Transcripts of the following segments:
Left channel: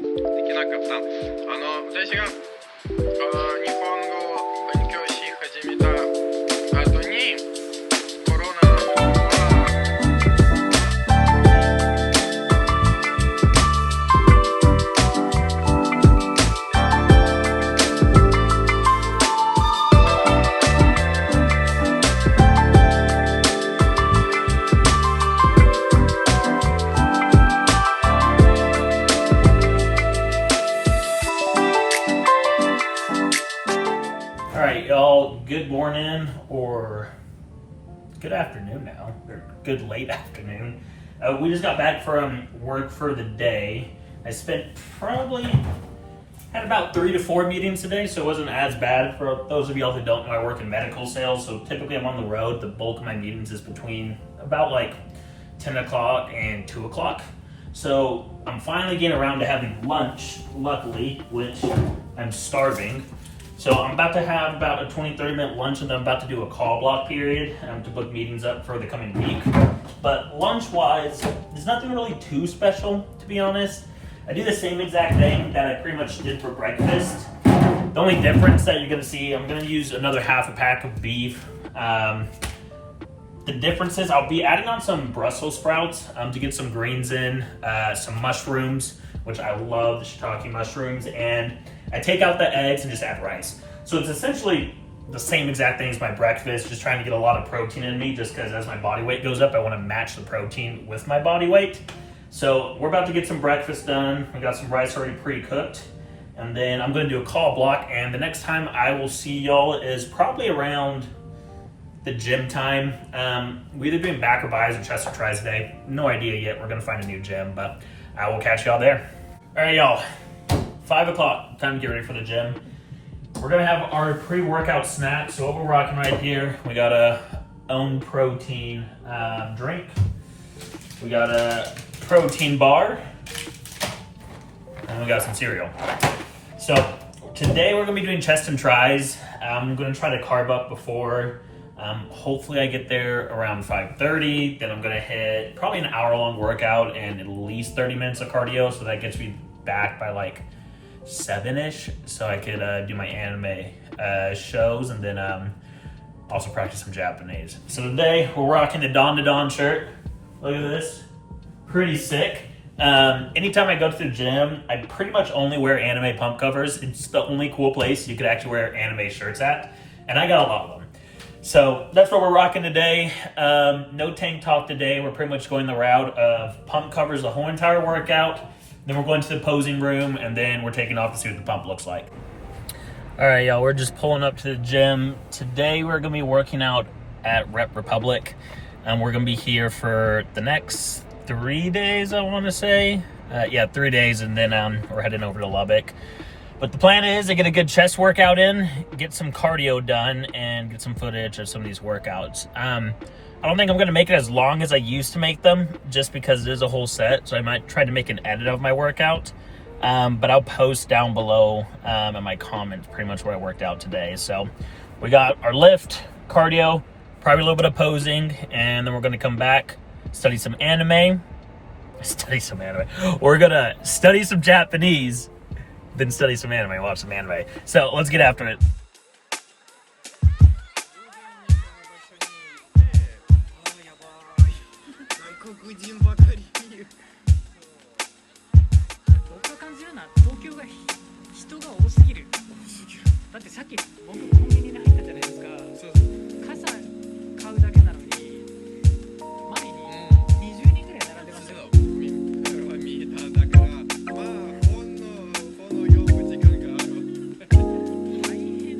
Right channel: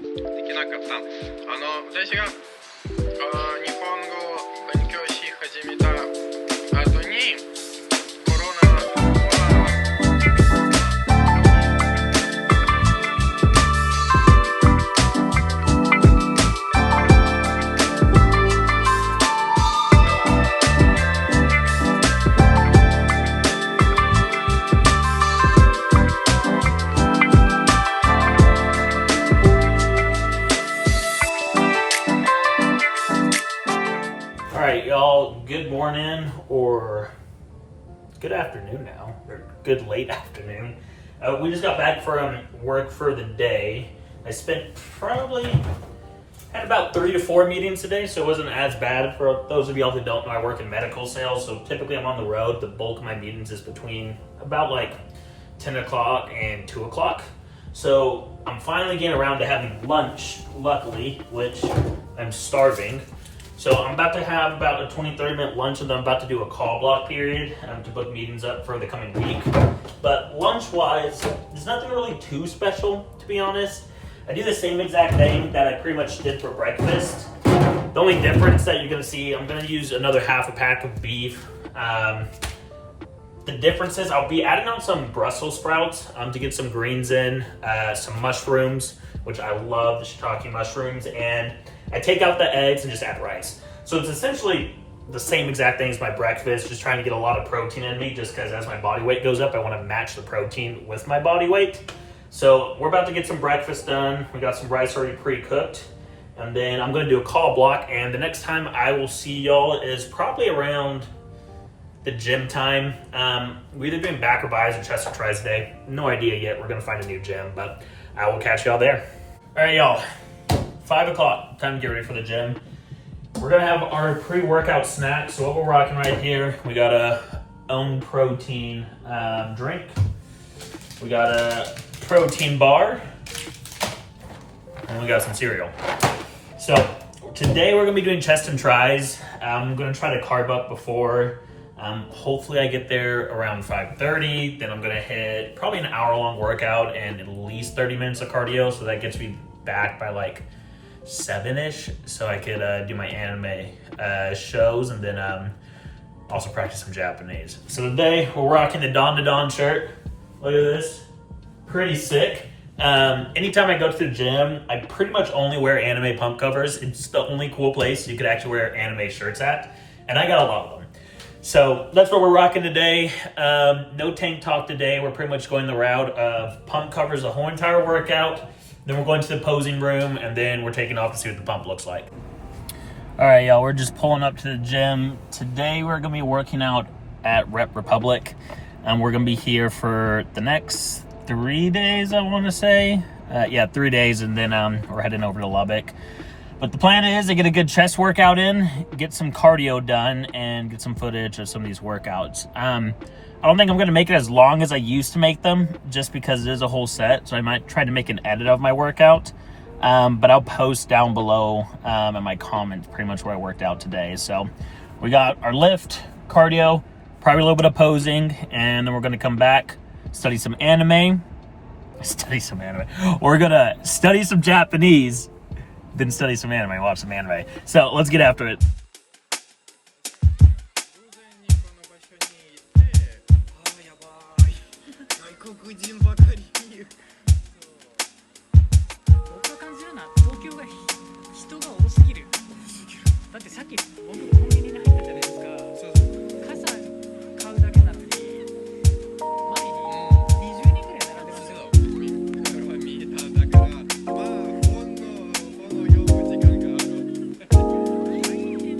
できなかった。私が日本語を勉強し始めた後にコロナはAlright, y'all, good morning or good afternoon now, or good late afternoon. We just got back from work for the day. I had about 3 to 4 meetings today, so it wasn't as bad. For those of y'all who don't know, I work in medical sales, so typically I'm on the road. The bulk of my meetings is between about like 10 o'clock and 2 o'clock. So I'm finally getting around to having lunch, luckily, which I'm starving. So I'm about to have about a 20-30 minute lunch, and then I'm about to do a call block period to book meetings up for the coming week. But lunch-wise, there's nothing really too special, to be honest. I do the same exact thing that I pretty much did for breakfast. The only difference that you're going to see, I'm going to use another half a pack of beef. The difference is I'll be adding on some Brussels sprouts to get some greens in, some mushrooms, which I love, the shiitake mushrooms, and I take out the eggs and just add rice. So it's essentially the same exact thing as my breakfast, just trying to get a lot of protein in me, just because as my body weight goes up, I want to match the protein with my body weight. So we're about to get some breakfast done. We got some rice already pre-cooked, and then I'm going to do a call block, and the next time I will see y'all is probably around the gym time. We're either doing back or buys or chest or tries today. No idea yet. We're going to find a new gym, but I will catch y'all there. All right, y'all. 5 o'clock, time to get ready for the gym. We're gonna have our pre-workout snack. So what we're rocking right here, we got a own protein drink. We got a protein bar, and we got some cereal. So today we're gonna be doing chest and tries. I'm gonna try to carb up before. Hopefully I get there around 5:30. Then I'm gonna hit probably an hour-long workout and at least 30 minutes of cardio. So that gets me back by like 7-ish, so I could do my anime shows, and then also practice some Japanese. So today we're rocking the Dawn to Dawn shirt. Look at this, pretty sick. Anytime I go to the gym, I pretty much only wear anime pump covers. It's the only cool place you could actually wear anime shirts at, and I got a lot of them. So that's what we're rocking today. No tank top today. We're pretty much going the route of pump covers the whole entire workout. Then we're going to the posing room, and then we're taking off to see what the pump looks like. All right, y'all, we're just pulling up to the gym. Today we're gonna be working out at Rep Republic. We're gonna be here for the next 3 days, I wanna say. 3 days, and then we're heading over to Lubbock. But the plan is to get a good chest workout in, get some cardio done, and get some footage of some of these workouts. I don't think I'm going to make it as long as I used to make them, just because it is a whole set. So I might try to make an edit of my workout. But I'll post down below in my comments pretty much where I worked out today. So we got our lift, cardio, probably a little bit of posing, and then we're going to come back, study some anime. We're going to study some Japanese, then study some anime, watch some anime. So let's get after it. 黒人ばかりいる。僕が感じるのは東京が人が多すぎる。だってさっき僕コンビニに入ったじゃないですか。傘買うだけなのに前に20人くらい並んでましたよ。それは見えた。だからまあほんの読む時間がある。大変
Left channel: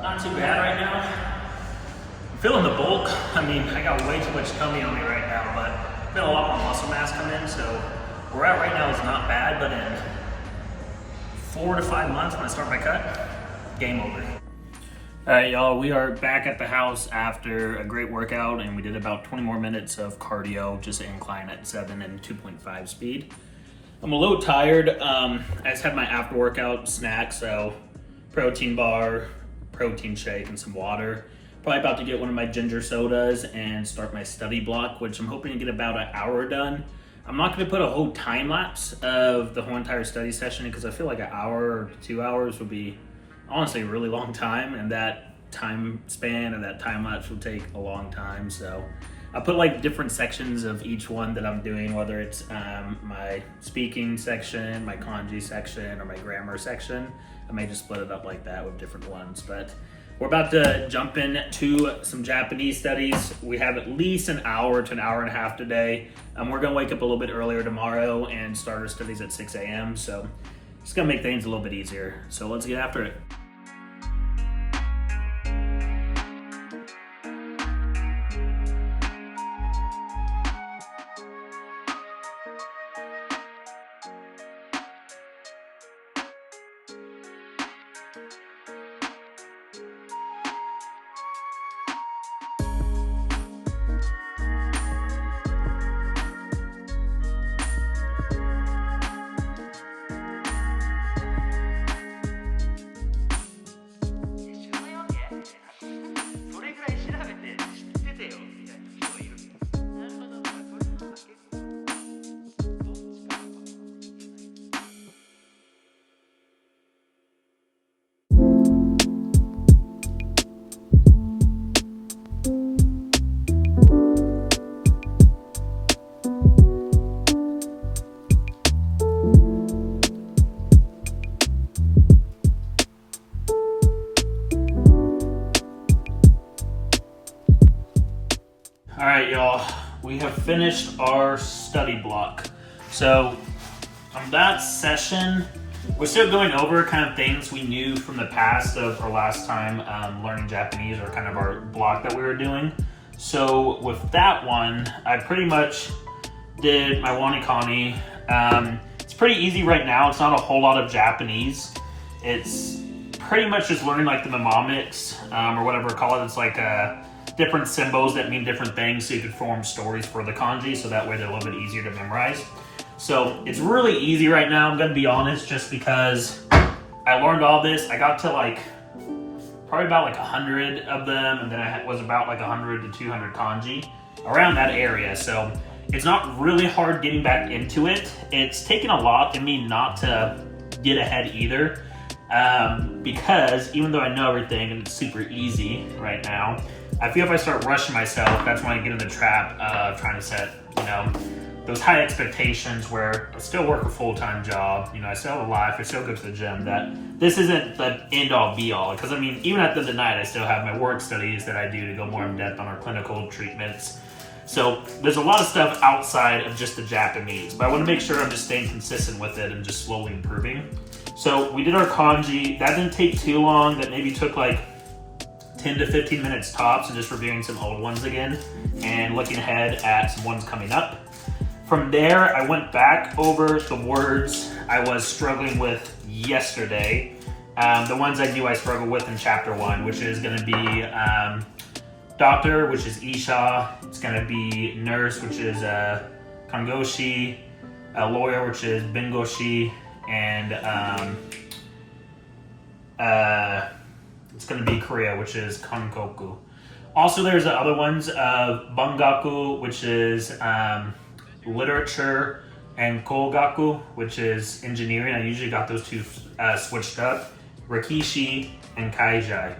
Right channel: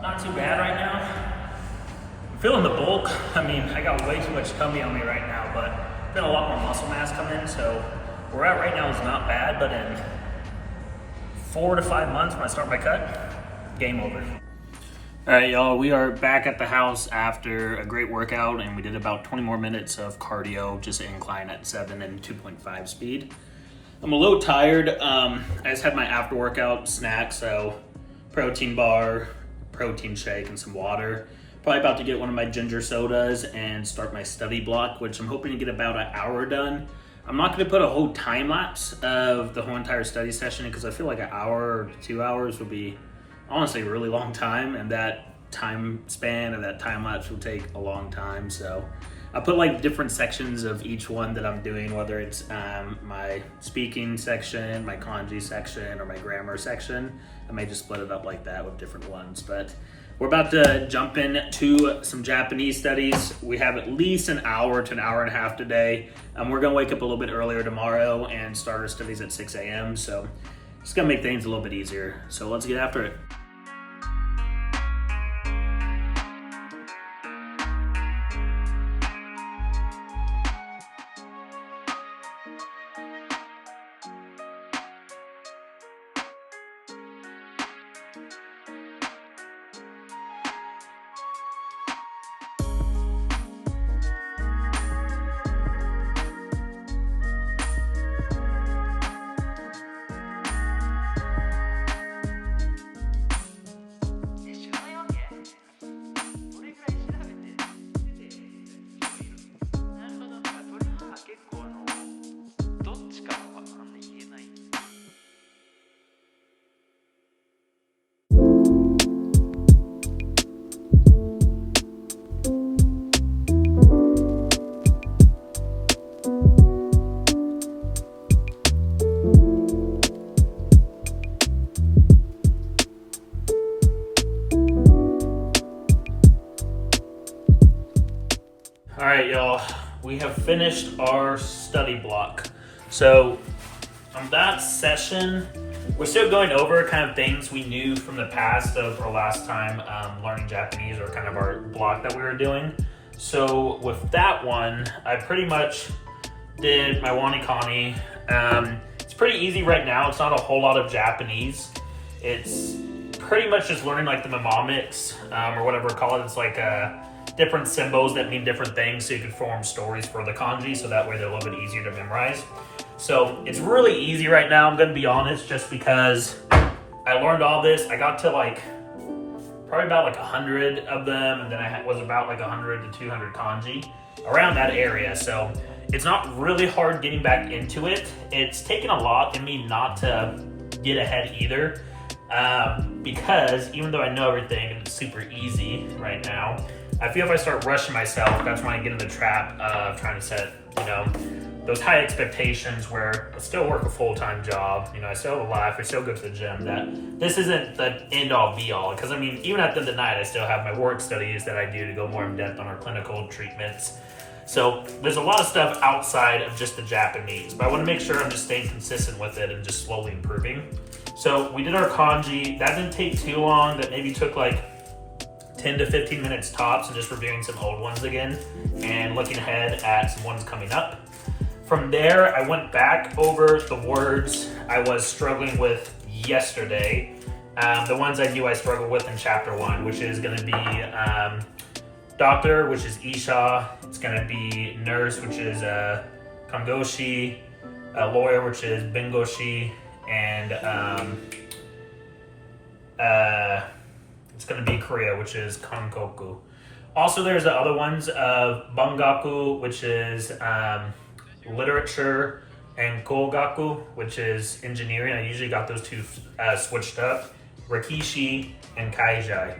Not too bad right now. I'm feeling the bulk. I mean, I got way too much tummy on me right now, but I've got a lot more muscle mass come in, so where we're at right now is not bad, but in 4 to 5 months when I start my cut, game over. All right, y'all, we are back at the house after a great workout, and we did about 20 more minutes of cardio, just an incline at 7 and 2.5 speed. I'm a little tired. I just had my after workout snack, so protein bar, protein shake, and some water. Probably about to get one of my ginger sodas and start my study block, which I'm hoping to get about an hour done. I'm not going to put a whole time lapse of the whole entire study session because I feel like an hour or 2 hours would be honestly a really long time, and that time span and that time lapse will take a long time. So I put like different sections of each one that I'm doing, whether it's my speaking section, my kanji section, or my grammar section. I may just split it up like that with different ones, but we're about to jump into some Japanese studies. We have at least an hour to an hour and a half today. We're gonna wake up a little bit earlier tomorrow and start our studies at 6 a.m. So it's gonna make things a little bit easier. So let's get after it. All right, y'all, we have finished our study block. So on that session, we're still going over kind of things we knew from the past of our last time learning Japanese, or kind of our block that we were doing. So with that one, I pretty much did my Wanikani. It's pretty easy right now. It's not a whole lot of Japanese. It's pretty much just learning like the mnemonics or whatever we call it. It's like different symbols that mean different things, so you could form stories for the kanji, so that way they're a little bit easier to memorize. So it's really easy right now, I'm gonna be honest, just because I learned all this. I got to like probably about like 100 of them, and then I was about like 100 to 200 kanji around that area. So it's not really hard getting back into it. It's taken a lot in me not to get ahead either, because even though I know everything and it's super easy right now, I feel if I start rushing myself, that's when I get in the trap of trying to set, those high expectations where I still work a full-time job, I still have a life, I still go to the gym, that this isn't the end-all be-all. Because I mean, even at the end of the night, I still have my work studies that I do to go more in depth on our clinical treatments. So there's a lot of stuff outside of just the Japanese, but I want to make sure I'm just staying consistent with it and just slowly improving. So we did our kanji. That didn't take too long. That maybe took like 10 to 15 minutes tops, and just reviewing some old ones again and looking ahead at some ones coming up. From there, I went back over the words I was struggling with yesterday. The ones I struggle with in chapter 1, which is going to be doctor, which is Isha. It's going to be nurse, which is Kangoshi. Lawyer, which is Bengoshi. And it's going to be Korea, which is Kankoku. Also, there's the other ones of Bangaku, which is literature, and Kogaku, which is engineering. I usually got those two switched up. Rikishi and Kaizai.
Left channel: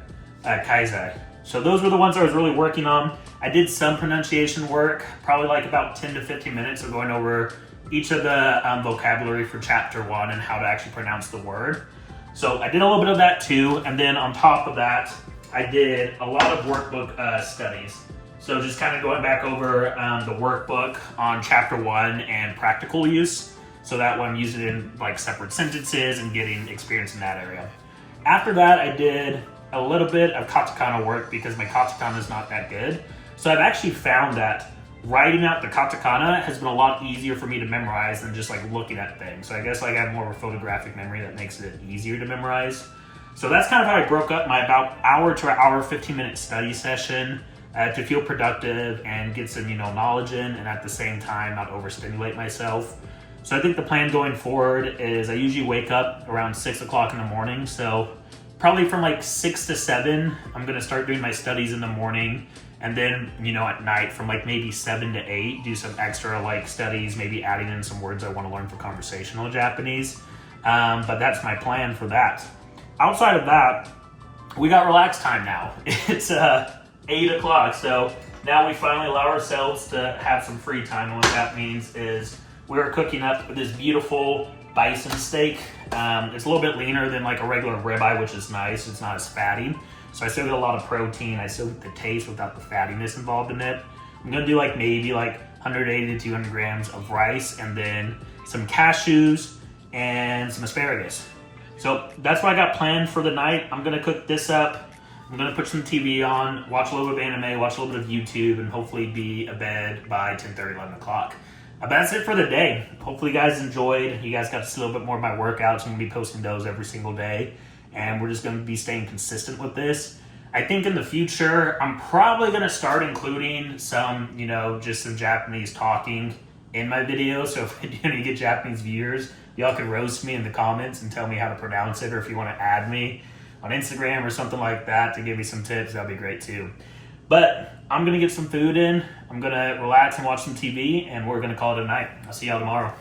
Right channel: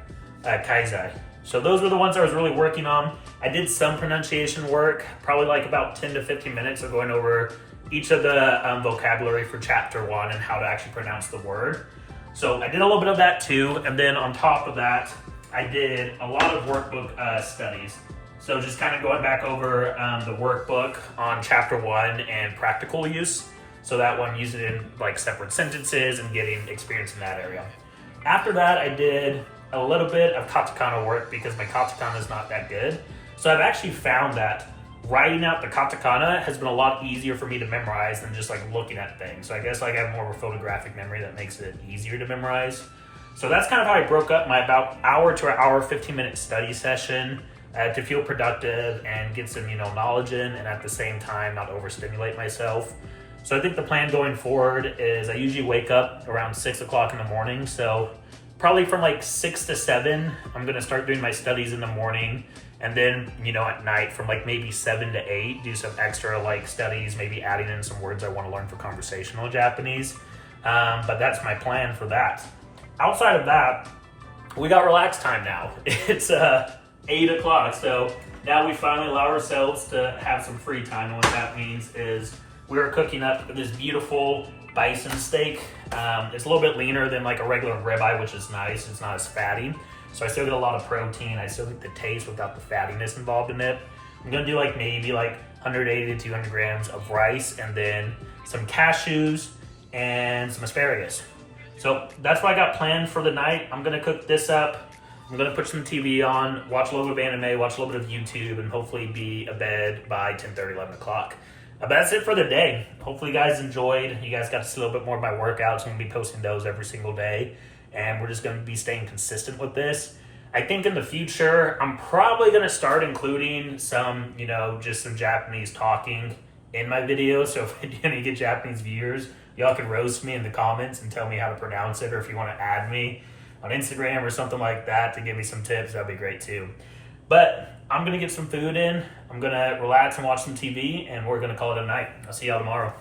So those were the ones I was really working on. I did some pronunciation work, probably like about 10 to 15 minutes of going over each of the vocabulary for chapter 1 and how to actually pronounce the word. So I did a little bit of that too. And then on top of that, I did a lot of workbook studies. So just kind of going back over the workbook on chapter 1 and practical use. So that one, using it in like separate sentences and getting experience in that area. After that, I did a little bit of katakana work because my katakana is not that good. So I've actually found that writing out the katakana has been a lot easier for me to memorize than just like looking at things. So I guess like I have more of a photographic memory that makes it easier to memorize. So that's kind of how I broke up my about hour to hour 15-minute study session to feel productive and get some knowledge in, and at the same time not overstimulate myself. So I think the plan going forward is I usually wake up around 6 o'clock in the morning. So probably from like 6 to 7, I'm going to start doing my studies in the morning. And then, at night from like maybe 7 to 8, do some extra like studies, maybe adding in some words I want to learn for conversational Japanese. But that's my plan for that. Outside of that, we got relaxed time now. It's 8 o'clock. So now we finally allow ourselves to have some free time. And what that means is we are cooking up this beautiful bison steak. It's a little bit leaner than like a regular ribeye, which is nice. It's not as fatty. So I still get a lot of protein. I still get the taste without the fattiness involved in it. I'm going to do like maybe like 180 to 200 grams of rice and then some cashews and some asparagus. So that's what I got planned for the night. I'm going to cook this up. I'm going to put some TV on, watch a little bit of anime, watch a little bit of YouTube, and hopefully be abed by 10:30, 11 o'clock. But that's it for the day. Hopefully you guys enjoyed. You guys got to see a little bit more of my workouts. I'm going to be posting those every single day. And we're just going to be staying consistent with this. I think in the future, I'm probably going to start including some, just some Japanese talking in my videos. So if you get Japanese viewers, y'all can roast me in the comments and tell me how to pronounce it. Or if you want to add me on Instagram or something like that to give me some tips, that'd be great too. But I'm going to get some food in. I'm going to relax and watch some TV. And we're going to call it a night. I'll see y'all tomorrow.